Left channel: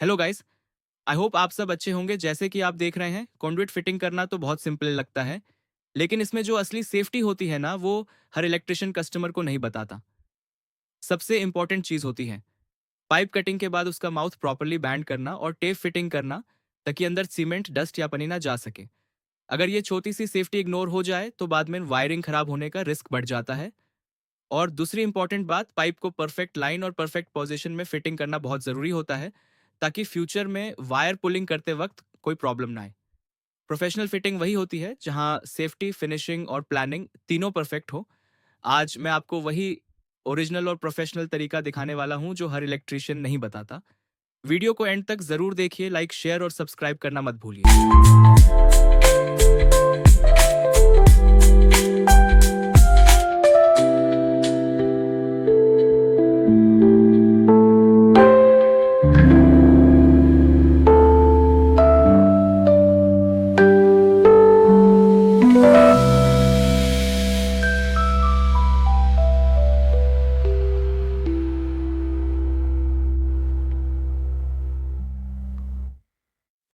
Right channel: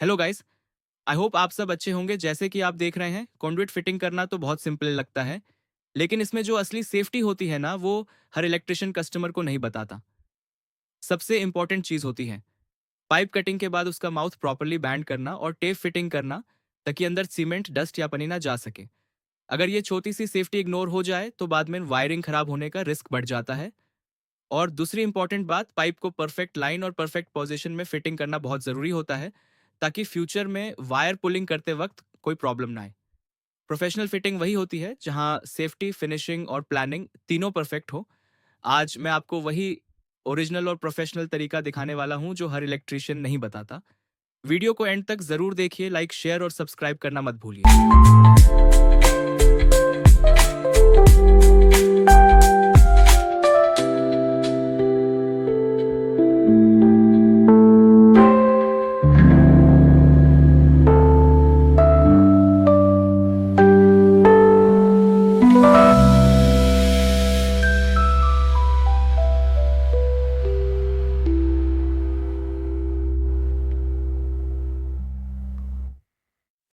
Hello guys. I hope आप सब अच्छे होंगे। जैसे कि आप देख रहे हैं, कंडुइट फिटिंग करना तो बहुत सिंपल लगता है, लेकिन इसमें जो असली सेफ्टी होती है ना, वो हर इलेक्ट्रिशियन कस्टमर को नहीं बताता। सबसे इंपॉर्टेंट चीज होती है पाइप कटिंग के बाद उसका माउथ प्रॉपरली बैंड करना और टेप फिटिंग करना, ताकि अंदर सीमेंट, डस्ट या पनी ना जा सके। अगर ये छोटी सी सेफ्टी इग्नोर हो जाए तो बाद में वायरिंग खराब होने का रिस्क बढ़ जाता है। और दूसरी इंपॉर्टेंट बात, पाइप को परफेक्ट लाइन और परफेक्ट पोजीशन में फिटिंग करना बहुत ज़रूरी होता है, ताकि फ्यूचर में वायर पुलिंग करते वक्त कोई प्रॉब्लम ना आए। प्रोफेशनल फिटिंग वही होती है जहां सेफ्टी, फिनिशिंग और प्लानिंग तीनों परफेक्ट हो। आज मैं आपको वही ओरिजिनल और प्रोफेशनल तरीका दिखाने वाला हूं जो हर इलेक्ट्रिशियन नहीं बताता। वीडियो को एंड तक ज़रूर देखिए, लाइक, शेयर और सब्सक्राइब करना मत भूलिए।